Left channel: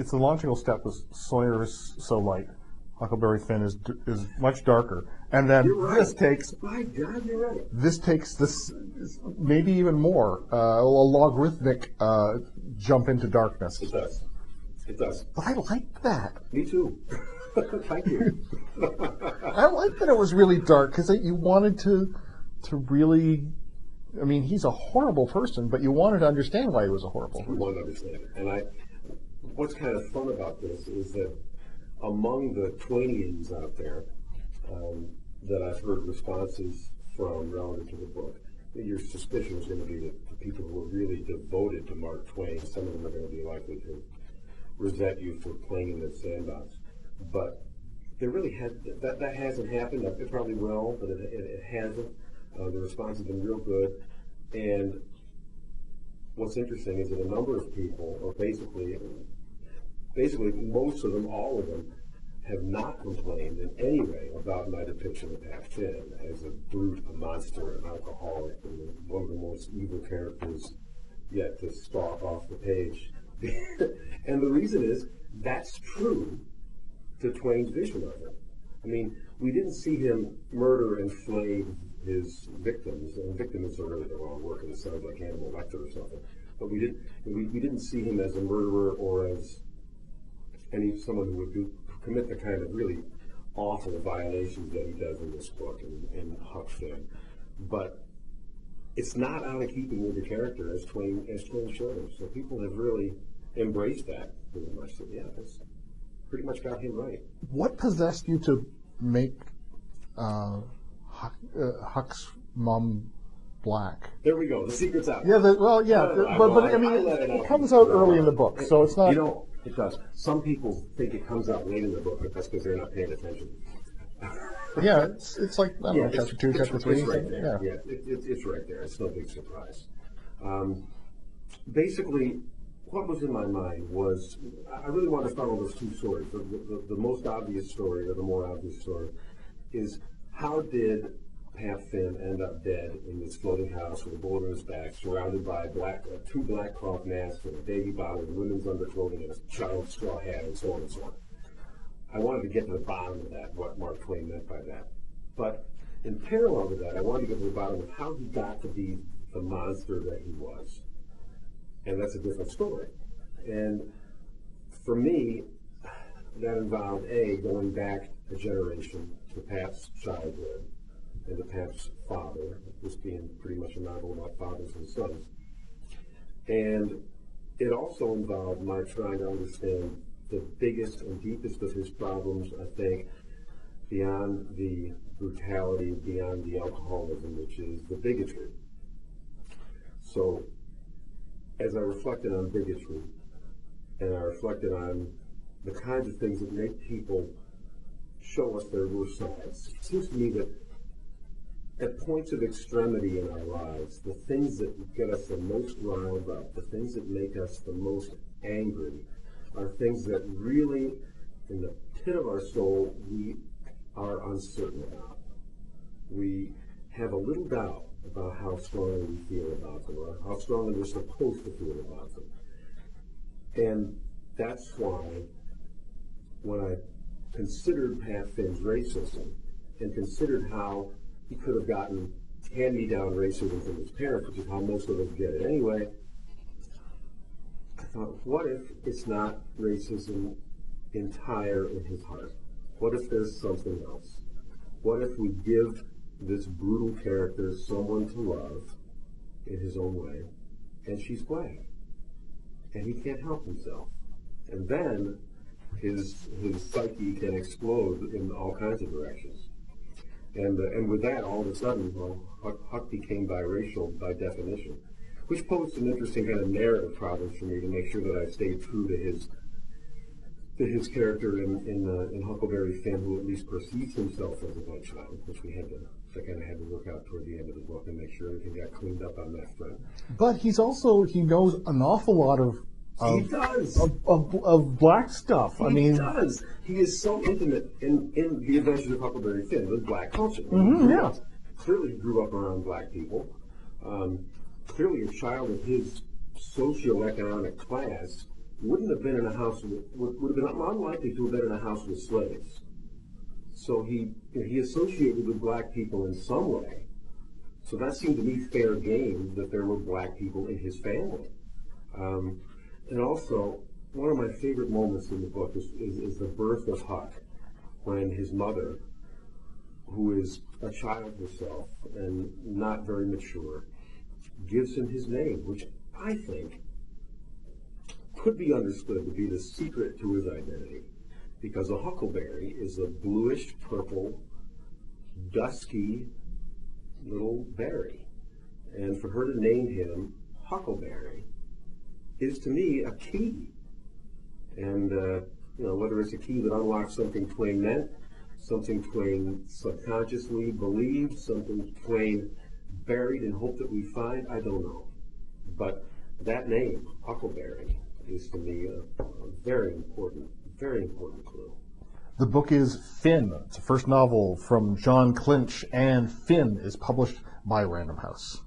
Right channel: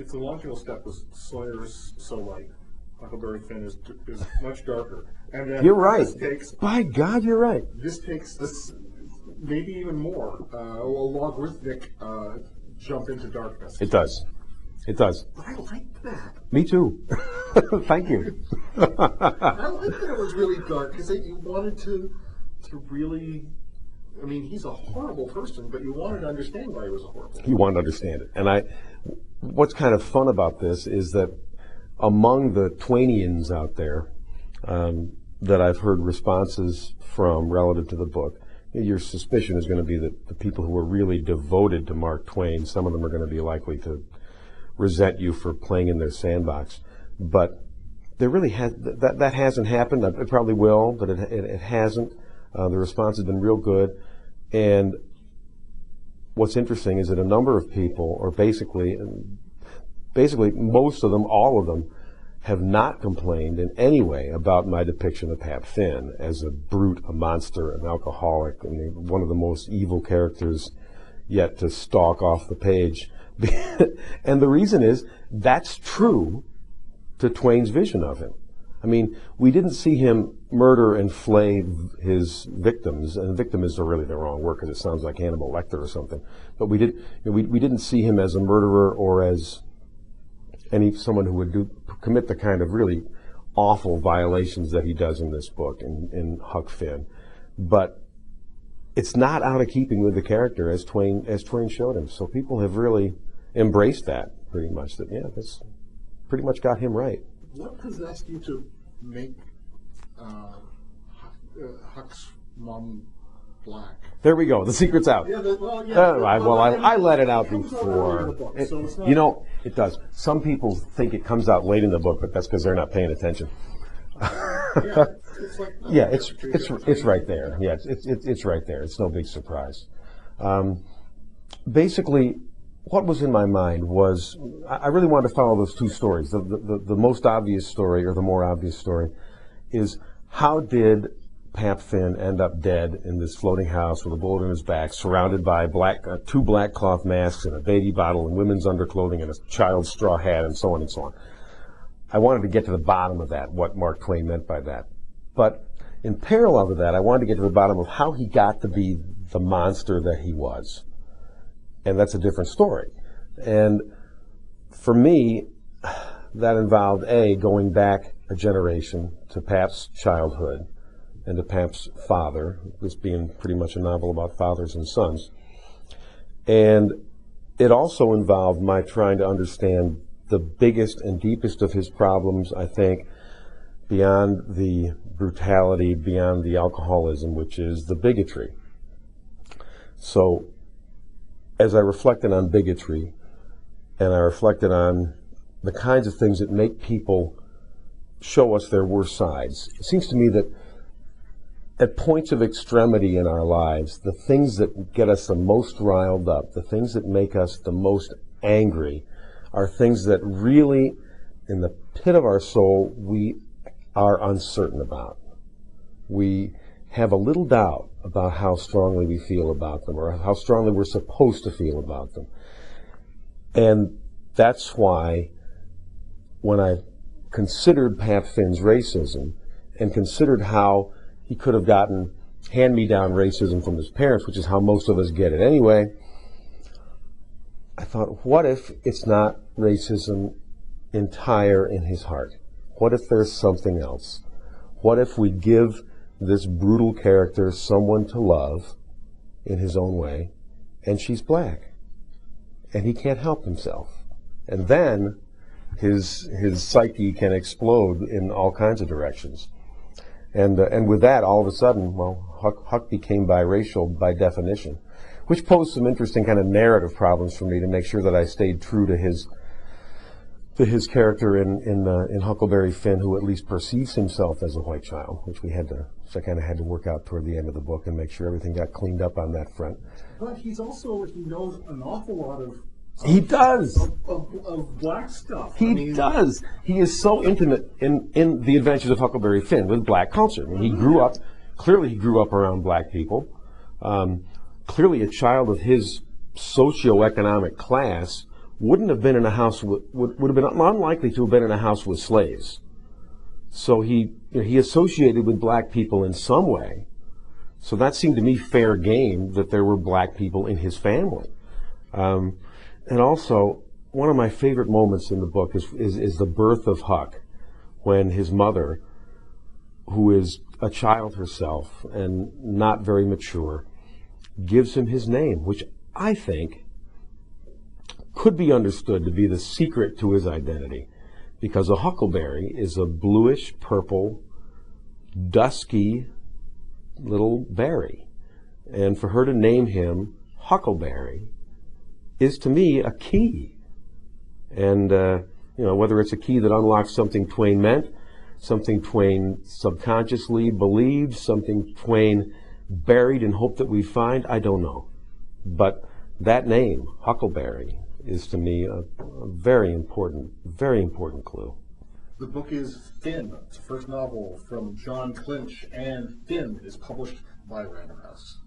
it's a logical step. Because Sawyer is so light. Huckleberry Finn is much darker. And then you're right. This takes. By God, you're right. This takes this maybe even more a logarithmic jump into darkness. It does. It does. But I like that. Me too. Thank you. I like that it was really dark because you wanted to really. I mean, he's a horrible person, but you wanted to understand why he was a horrible person. You wanted to understand it. And what's kind of fun about this is that among the Twainians out there that I've heard responses from relative to the book, your suspicion is going to be that the people who are really devoted to Mark Twain, some of them are going to be likely to resent you for playing in their sandbox. But there really that hasn't happened. It probably will, but it hasn't. The response has been real good. And what's interesting is that a number of people, or basically most of them, all of them, have not complained in any way about my depiction of Pap Finn as a brute, a monster, an alcoholic, and one of the most evil characters yet to stalk off the page. And the reason is that's true to Twain's vision of him. I mean, we didn't see him murder and flay his victims, and victim is really the wrong word because it sounds like Hannibal Lecter or something. But we didn't see him as a murderer or as someone who would commit the kind of really awful violations that he does in this book in Huck Finn. But it's not out of keeping with the character as Twain showed him. So people have really embraced that pretty much. That that's pretty much got him right. What possessed you to make Huck's mom black? There we go. The secret's out. Yeah. I let it out. It comes out early in the book, so it's not. It does. Some people think it comes out late in the book, but that's because they're not paying attention. Yeah, it's like it's right there. Yeah, it's right there. It's no big surprise. Basically, what was in my mind was I really wanted to follow those two stories. The most obvious story, or the more obvious story, is how did Pap Finn end up dead in this floating house with a bullet in his back, surrounded by two black cloth masks and a baby bottle and women's underclothing and a child's straw hat and so on and so on. I wanted to get to the bottom of that, what Mark Twain meant by that. But in parallel to that, I wanted to get to the bottom of how he got to be the monster that he was. And that's a different story. And for me, that involved, going back a generation to Pap's childhood and to Pap's father, this being pretty much a novel about fathers and sons. And it also involved my trying to understand the biggest and deepest of his problems, I think, beyond the brutality, beyond the alcoholism, which is the bigotry. So as I reflected on bigotry, and I reflected on the kinds of things that make people show us their worst sides, it seems to me that at points of extremity in our lives, the things that get us the most riled up, the things that make us the most angry, are things that really, in the pit of our soul, we are uncertain about. We have a little doubt about how strongly we feel about them, or how strongly we're supposed to feel about them. And that's why when I considered Pap Finn's racism and considered how he could have gotten hand-me-down racism from his parents, which is how most of us get it anyway, I thought, what if it's not racism entire in his heart? What if there's something else? What if we give this brutal character someone to love in his own way, and she's black, and he can't help himself? And then his psyche can explode in all kinds of directions. And with that, all of a sudden, Huck became biracial by definition, which posed some interesting kind of narrative problems for me to make sure that I stayed true to his character in Huckleberry Finn, who at least perceives himself as a white child, which I kind of had to work out toward the end of the book and make sure everything got cleaned up on that front. But he knows an awful lot of he does of black stuff. He does. He is so intimate in the Adventures of Huckleberry Finn with black culture. Mm-hmm. He grew up around black people. Clearly, a child of his socioeconomic class wouldn't have been in a house with, would have been unlikely to have been in a house with slaves. So he associated with black people in some way. So that seemed to me fair game that there were black people in his family. And also, one of my favorite moments in the book is the birth of Huck, when his mother, who is a child herself and not very mature, gives him his name, which I think could be understood to be the secret to his identity, because a huckleberry is a bluish purple, dusky little berry. And for her to name him Huckleberry is, to me, a key. And whether it's a key that unlocks something Twain meant, something Twain subconsciously believed, something Twain buried and hoped that we find, I don't know. But that name, Huckleberry, is to me a very important clue. The book is Finn. It's the first novel from Jon Clinch, and Finn is published by Random House.